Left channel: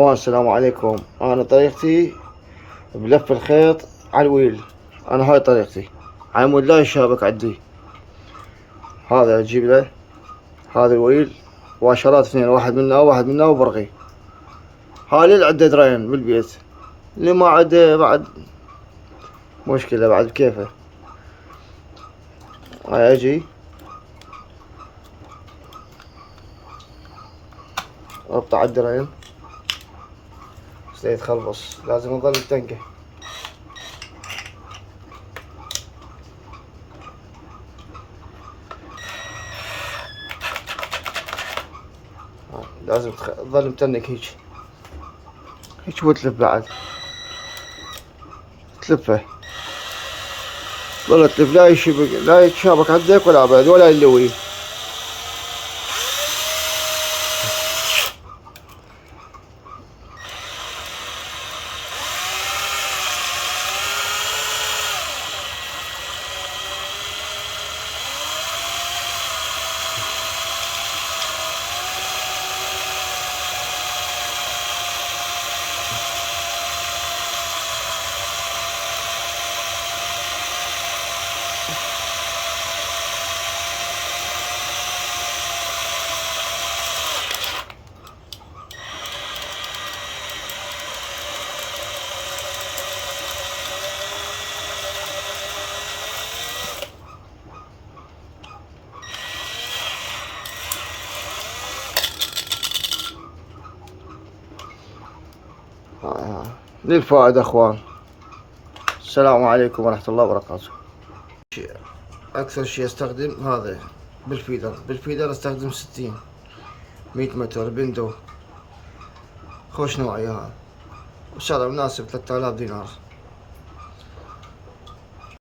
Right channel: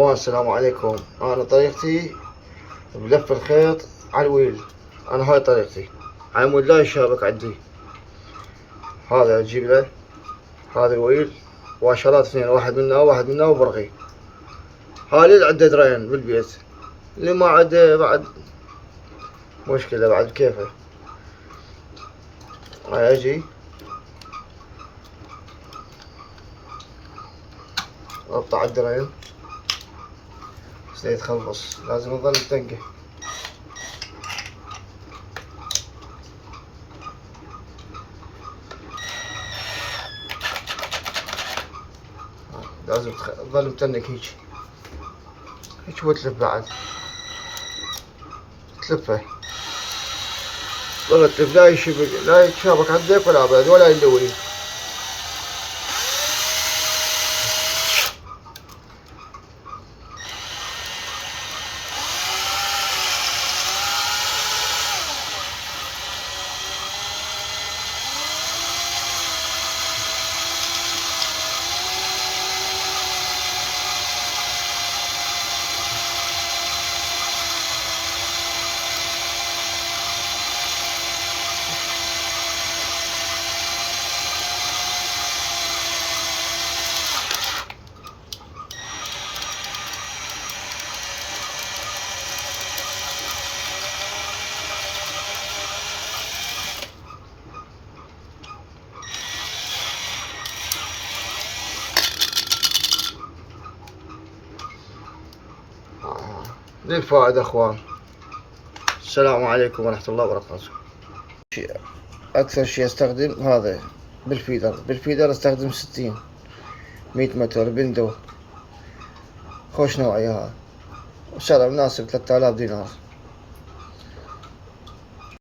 السلام عليكم. انا طريقتي بلف الخيط على الويل. انا هاي طريقتي على مود لا يشابك عندي. هذا اجيب له هذا الويل واشرات اثنين، واحد منا وبرغي. هاي اللي عنده درين بالبيت، اللي ما عنده بعد مشكلة بعد كيفه. هاي اجي اقطع الدرين بس لا يتخلص، لازم اظل تنقه. لازم تظل متنك هيك وتلف بعد تلفه. ظل تلف لا يتشابك عندك ولا بعد ولا يلوي. للفائدة اخوان. السلام عليكم ورحمة الله وبركاته. اكثر شي استخدم هذا بالفيدر استخدم 60 100 متر بندو، خوش نوعية هذا، وسعره مناسب 3000 دينار.